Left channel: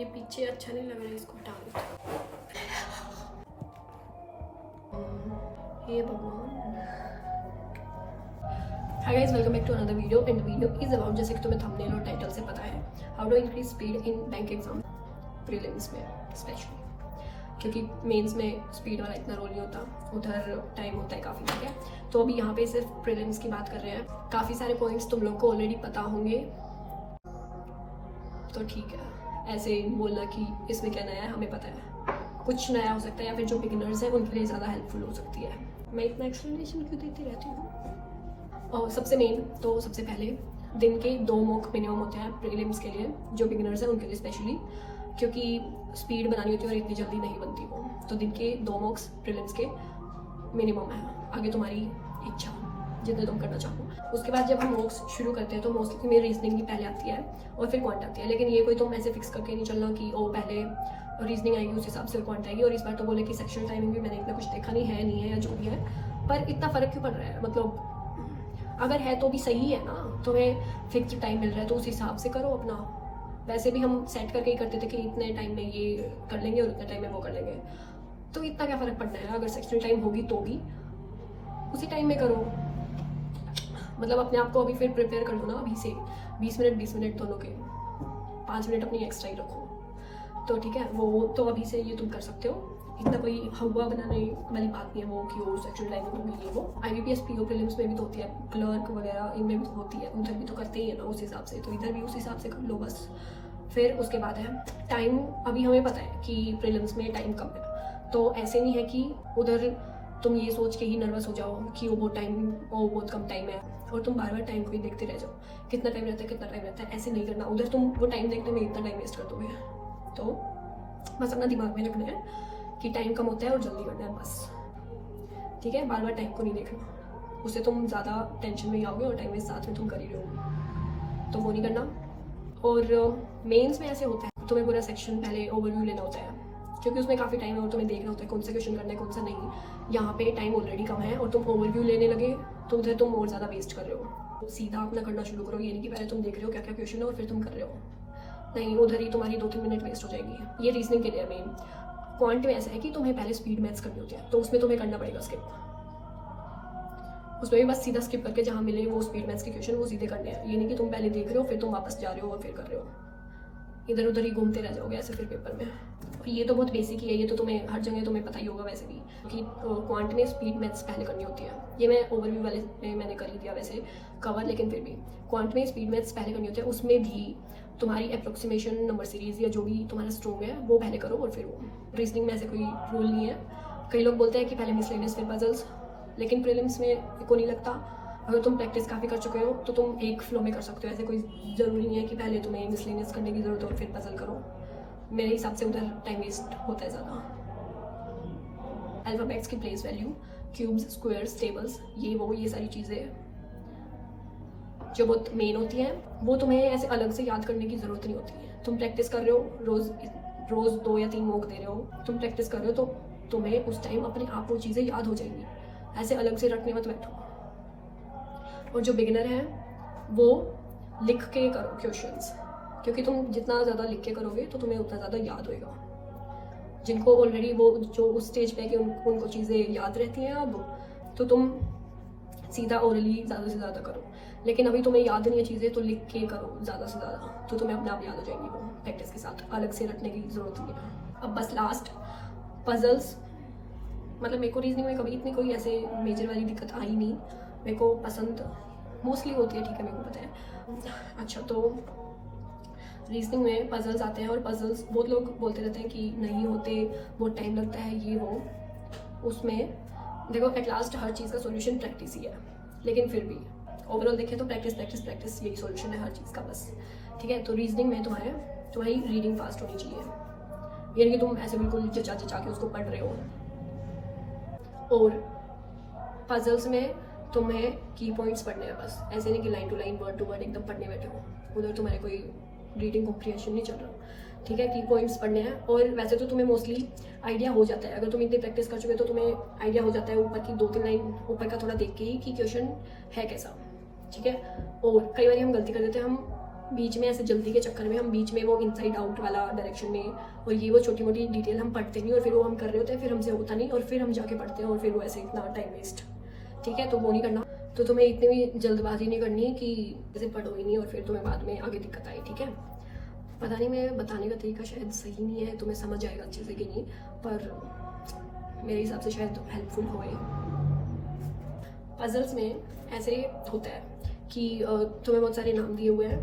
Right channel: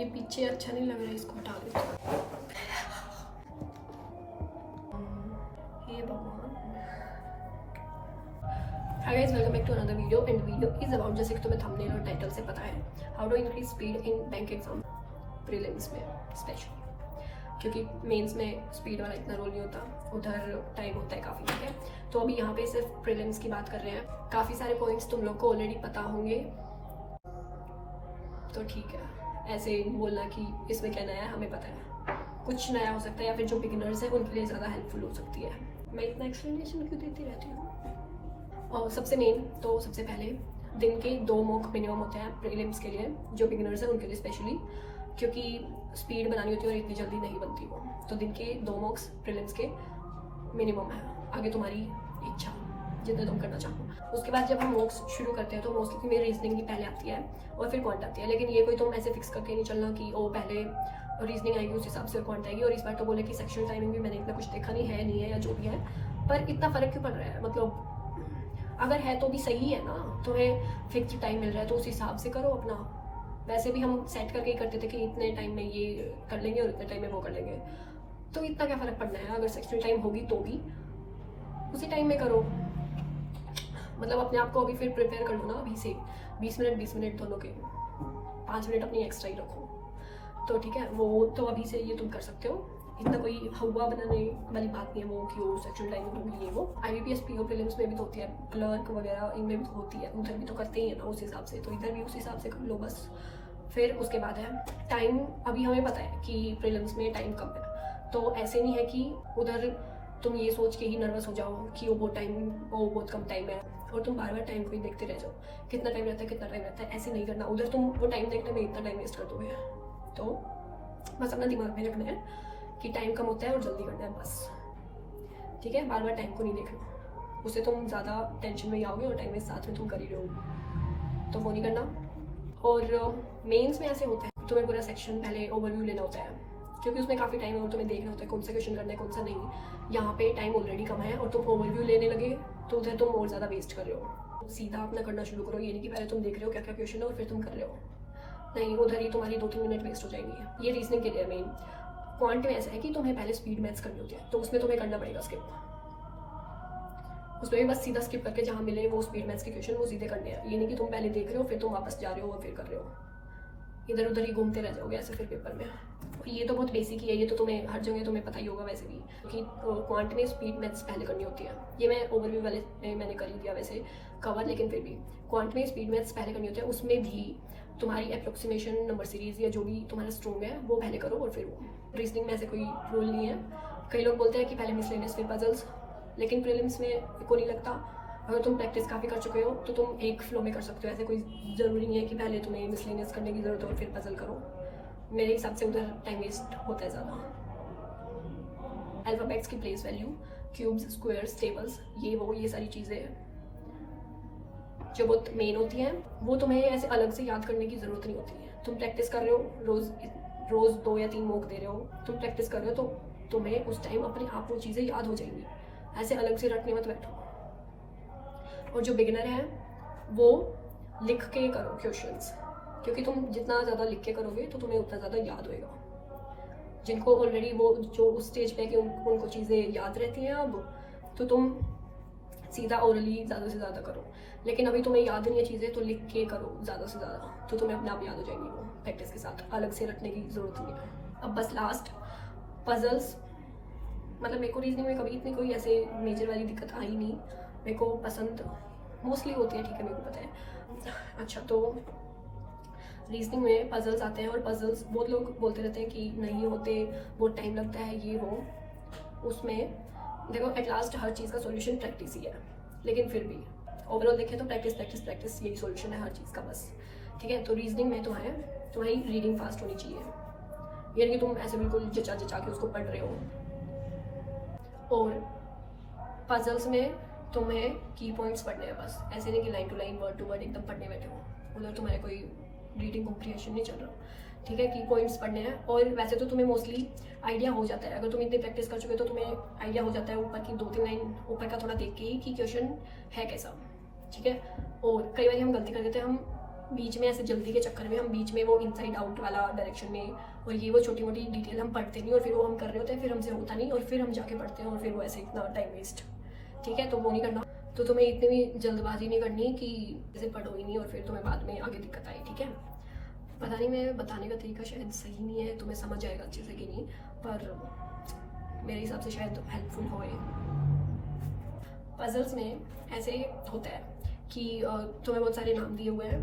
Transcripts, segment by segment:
ये पीछे अच्छा नहीं लग रहा है, इसको हटा देते हैं। हे भगवान। Hi guys, welcome back to another video and video is about, जैसे कि तुम्हें थंबनेल और टाइटल से पता है, how to increase speed in bank exam prelims में स्पेशली, क्योंकि मेंस में स्पीड वाला इतना रोल नहीं होता, उधर टाइम होता है काफ़ी, ठीक है। तो अभी यहाँ पे सिर्फ प्रीलिम्स की बात कर रहे हैं। काफ़ी सारे पॉइंट्स तुम लोग को ऑलरेडी पता होंगे, तो ठीक है, ऐसे बोलना कि इसमें क्या नया है, हमें पता है। कुछ नया हो सकता है या फिर जो बिगिनर्स हैं उनके लिए ज़्यादा हेल्पफुल हो सकती है। मैं इतना एक्सप्लेनेशन क्यों देती रहती हूँ। और सबसे मेन तो सबसे पहले दिन के 2 मॉक मिनिमम होते हैं प्रीलिम्स के लिए, जो बिगिनर्स हैं उनके लिए स्पेशली, क्योंकि स्पीड बनानी होती है और इतनी जल्दी नहीं बनती वो। तो दिन के 2 मॉक्स प्रीलिम्स के मिनिमम है, आगे तुम्हारी इच्छा जितने तुम करना चाहो। उसके बाद जब हम मॉक्स शुरू करते हैं तो मोस्टली मेरी रीजनिंग भी पहले आती है और फिर क्वांट आती है, लेकिन ये कोई तुम ऐसे फिक्स करके नहीं चलना कि ओ पहले रीजनिंग आएगी उस हिसाब से क्वांट आएगी। और इस बार तो बोले कि सेक्शनल टाइमिंग भी मैंने इतना कुछ देखा नहीं है या जो भी है, पर इतना फ़र्क क्यों पड़ रहा है। मतलब अगर है तो भी सही है ना, तुम्हें फिक्स टाइम मिल रहा है तो उस हिसाब से करो अपना। वैसे भी हम सेट करके ही करते थे कि इतने टाइम में ये कर लेंगे और इतने टाइम में वो कर लेंगे, तो इतना क्या फ़र्क पड़ना है। अगर सेक्शनल टाइम होगी तो भी उसी टाइम में करो। मतलब अपने आप को अभी फिर प्रिपेयर कर लो ना, अभी से 20 मिनट दोनों के, 5 मिनट अपनी एक्स्ट्रा ही रखो, तो ठीक है। वो तो अभी से ये तुम कर सकते हो, इतना कोई हवा बनाने वाली बात नहीं है वो कि वो सेक्शुअल टाइमिंग होगी ये वो। IBPS PO प्रीलिम्स में भी तो होती है, क्लर्क वगैरह इनमें भी तो होती है, उधर भी तो करते ही है ना उस हिसाब से, तो इधर भी उस हिसाब से कर लो बस। फिर उसके बाद है टाइम। अभी हमें पता है कि प्रीलिम्स में टाइम कम है, तो ऐसे नहीं है कि उधर तुम ये सोच के ही नर्वस हो जाओ कि वो बहुत कम टाइम है और तुम बार बार टाइम को ही देखते रह जाओ, कितना टाइम रहता है। ऐसे नहीं करना, उधर तुम वो टाइम देखने में इतना टाइम वेस्ट कर दोगे। तो बस अपना दिमाग में रखना है कि टाइम कम होता है और जल्दी करना है बस, ठीक है। बार बार टाइम को नहीं देखना, उससे तुम ज़्यादा टेंशन में ही आओगे और टाइम में साथ में तुम कर ही रहोगे, तो वो नहीं करना। और मेंस में ऐसे होता है, तुम्हें पूरा सेक्शन पहले ओवरव्यू लेना होता है, क्योंकि उसमें काफ़ी टाइम है और तुम्हें देखना होता है कौन सा क्वेश्चन करना है कौन सा नहीं। यहाँ पे टाइम ऑलरेडी कम है और तुम ओवरव्यू लेने लगे तो उधर तुम और ज़्यादा वेस्ट कर रहे हो। सीधा अपना करना शुरू करो, ये नहीं कि पहले तुम देख रहे हो क्या क्या क्वेश्चन है और फिर तुम कर रहे हो, नहीं, उधर ही तुम्हारी 2-3 मिनट वेस्ट हो जाएंगी। ये रीजनिंग के लिए मेन। क्वांट में ऐसा है कि तुम्हें पहले स्पीड मैथ्स करनी होती है, तो उसमें तुम्हें करना पड़ेगा स्किप। उसमें भी बस सीधा स्किप करके जहाँ मिले वो स्पीड मैथ्स के क्वेश्चन वो सीधे करने हैं। ये नहीं कि तुम पहले देख रहे हो फिर तुम वापस जा रहे हो और फिर कर रहे हो, इधर उधर ही घूमते रह जाओगे ऐसे फिर पेपर में। ये तो बहुत बेसिक ही है, ये तो तुम्हें हर जगह तुम्हें पता ही होगा वैसे भी, कि क्वांट में स्पीड मैथ्स पहले करनी होती है। ये मैं ओवरव्यू वाले में मैंने कर ही दिया वैसे कवर, लेकिन फिर भी क्वांट में स्पीड मैथ्स पहले करनी होती है। उसमें भी तुम्हारी अप्रोक्सीमेशन नंबर सीरीज़ या जो भी तुम्हारा स्ट्रोंग है वो पहले करो और फिर वो। रीजनिंग में ऐसे कोई रूल नहीं है। कई लोग बोलते हैं कि पहले मिसलेनियस फिर पजल्स, लेकिन प्रीलिम्स में को नहीं लगता। अगर तुम प्रैक्टिस काफ़ी कर चुके हो तो तुम एक फ्लो में कर सकते हो, ऐसे कोई ज़रूरी नहीं है कि पहले तुम्हें मिसलेनियस करने की ज़रूरत हो और फिर पजल करो। मेरे हिसाब से उधर टाइम वेस्ट होता है ज़्यादा। अल्फ़ाबेट्स की place value, cubes, squares, tables, ये सारी चीज़ें जो बहुत मेन होती हैं वो तुम्हें ऐसे अलग से याद करने की ज़रूरत नहीं होती है। तुम प्रैक्टिस कर रहे हो, रोज़ 2 या 3 मॉक दे रहे हो, तुम प्रैक्टिस कर रहे हो तो तुम्हें उस टाइम अपने आप वो चीज़ें याद हो जाएंगी, ऐसे अलग से रटने मत बैठो। और जो बिगिनर है वो लिख के करो क्वेश्चंस, क्योंकि तुम जितना ज़्यादा लिख के करोगे तो तुम्हें उतना ज़्यादा याद होएगा। जिनको ऑलरेडी वो जो उस स्टेज पे है कि उनको चीज़ें याद रहती हैं अब, तो तुम सीधा ओरली ज़्यादा से ज़्यादा करो। लेकिन अभी तुम्हें याद नहीं है चीज़ें तो लिख के करो ज़्यादा से ज़्यादा, तो तुम्हें अपने आप याद हो जाएंगी वो प्रैक्टिस के साथ, अलग से रटने की ज़रूरत नहीं है। अब बस लास्ट पजल्स, मतलब मेरे को रीजनिंग में कभी इतनी कोई ऐसे मेजर वाली दिक्कत आई नहीं, मेरे को पसंद मोस्टली होती है, ठीक है, मेरे को पता है। अच्छा, तो रीजनिंग में पजल्स आते हैं और पजल्स बहुत लोग बोलते रहते हैं कि नहीं होते, बहुत टाइम लगता है ये वो। उसमें देखो एट लास्ट हर चीज़ का सॉल्यूशन प्रैक्टिस ही है, लेकिन फिर भी ओवरऑल देखें तो प्रैक्टिस यही सॉल्यूशन है हर चीज़ का बस, ठीक है। तो रीजनिंग में तुम्हारी रीडिंग फास्ट होनी चाहिए, यानी कि तुम ऐसे बिल्कुल जचा के उसको पढ़ रहे हो। और पजल्स में तुम्हें की पॉइंट्स पढ़ने हैं बस, ऐसे नहीं कि line to line word to word एकदम पढ़ने बैठे हो, उधर तुम्हारे कोई रीडिंग कॉम्प्रिहेंशन नहीं चल रहा, ठीक है। की पॉइंट्स पढ़ने हैं और वैसे तो तुम्हें मोस्टली आइडिया हो जाता है, अगर तुम इतनी प्रैक्टिस कर चुके हो तो तुम्हें आइडिया हो जाता है ऊपर की 2-3 लाइन ऊपर का थोड़ा देख के ही कि क्वेश्चन है कैसा, ठीक है। और कई बार हम गलती कर देते हैं, हम बीच में ऐसे जल्दी के चक्कर में हम बीच में वो इनसाइड आउट वाला डायरेक्शन में और ये वो छोटी मोटी डिटेल हम पढ़ते नहीं और फिर वो हम कर रहे होते हैं, फिर हमसे होता नहीं और फिर हम जाके पढ़ते हैं और फिर वो ऐसे इतना टाइम वेस्ट। ठीक है, तो वो नहीं करना। तो तुम्हें इतनी भी जल्दबाजी नहीं करनी कि जैसे पढ़ो ही नहीं और फिर तुम्हें बाद में आगे दिक्कत आई। ठीक है, पता नहीं मैं बताने का तरीका शायद सही नहीं है, तुम्हें समझ आएगा अच्छे से कि नहीं, पर मेरे हिसाब से शायद हेल्पफुल होए। पजल्स में ऐसे होता है कि तुम्हें बहुत सारे नाम दिए हुए हैं,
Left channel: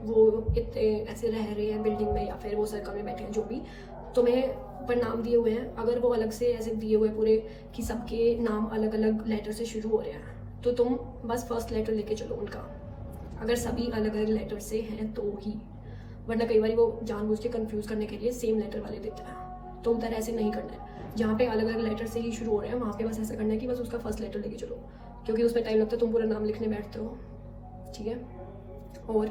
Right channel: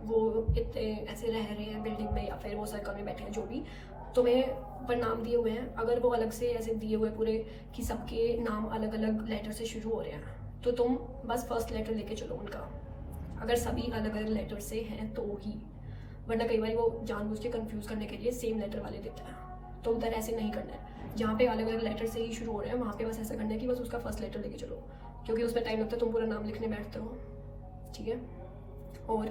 वो कितने ऐसे रह रहे हैं बिल्डिंग में या फिर वो सर्कल में बैठे हैं, जो भी तुम्हें ऊपर नाम दिए हुए हैं, अगर वो अलग से ऐसे दिए हुए पूरे कि सबके नाम अलग अलग लेटर से शुरू हो रहे हैं, तो तुम बस फर्स्ट लेटर लेके चलो उनका, अगर सभी अलग अलग लेटर से हैं तो ही, वरना कई बार वो जानबूझ के कंफ्यूज करने के लिए सेम लेटर वाले देते हैं, तो उधर ऐसे नहीं करना है। जहाँ पे अलग अलग लेटर से ही शुरू हो रहे हैं वहाँ पे बस ऐसा करना है कि बस उसका फर्स्ट लेटर लेके चलो, क्योंकि उसमें टाइम लगता है, तुम पूरा नाम लिखने बैठते हो। ठीक है, और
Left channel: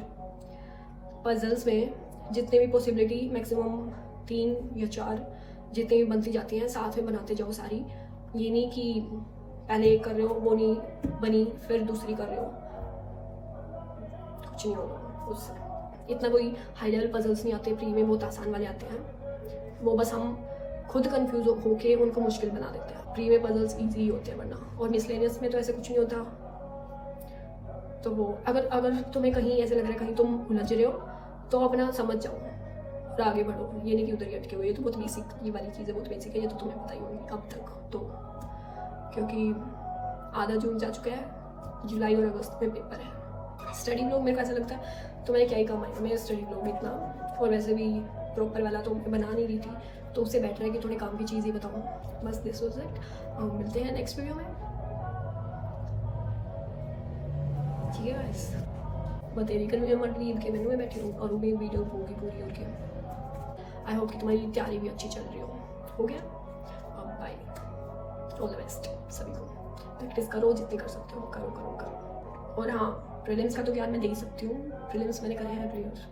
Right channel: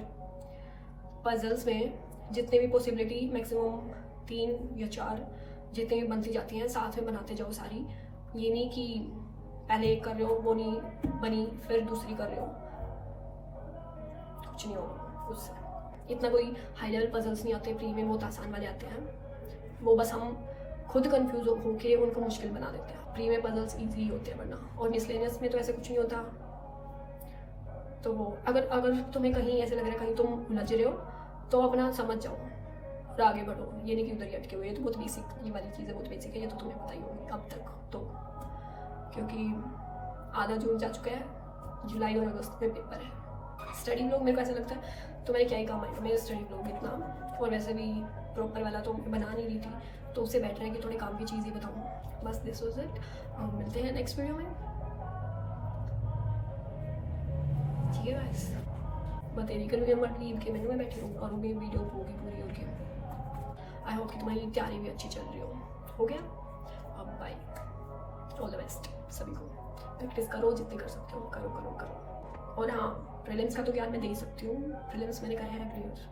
पजल्स में जितने भी पॉसिबिलिटी मैक्सिमम 3 या 4 जितनी भी बनती जाती हैं साथ में बनाते जाओ सारी। ये नहीं कि पहले एक कर रहे हो वो नहीं बनी फिर दूसरी कर रहे हो, कुछ नहीं होगा उससे। इतना कोई हाई लेवल पजल्स नहीं आते, प्री में बहुत आसान वाले आते हैं, वो बस हम खुद कंफ्यूज होके उनको मुश्किल बना देते हैं। प्री में पजल्स ईजी होते हैं वरना, और मिसलेनियस में तो ऐसे कुछ नहीं होता। तो वो अगर तुम्हें कहीं ऐसे लग रहा है कहीं तुम उलझ रहे हो तो अपना समझ जाओ और आगे बढ़ो, ये नहीं कि उधर ही अटके हुए। ये तो बहुत बेसिक, ये वाली चीज़ें बहुत बेसिक है, ये तो तुम्हें पता ही होगी अब तक तो, क्योंकि आधा जून जा चुका है, जुलाई और अगस्त में पेपर है। स्टडी ब्लॉग मेरे को ऐसा लगता है तो मैंने क्या ही काम आएगा मेरे स्टडी ब्लॉग भी इतना, और वैसे भी प्रॉपर वाला तो मैं बना नहीं रही थी, तो उससे बेटर है कि थोड़ी काम की चीज़ ही बताऊँ। बस दिस वाज इट, मिलते हैं नेक्स्ट वीडियो में। ठीक है गाइस, बतेरी कर मत लीव के मेनू में बैठी हूँ और वो भी वीडियो होगी पूरी। और क्या, आई होप कि तुम्हारी तैयारी भी अच्छी चल रही हो गया। अब बाय, ऑल द बेस्ट सभी को, प्रैक्टिस करो जितनी कर सकते हो, करो। और हाँ, प्रीलिम्स का तो ज्ञान मैं दे ही सकती हूँ, प्रीलिम्स मैंने करे हैं प्रीलिम्स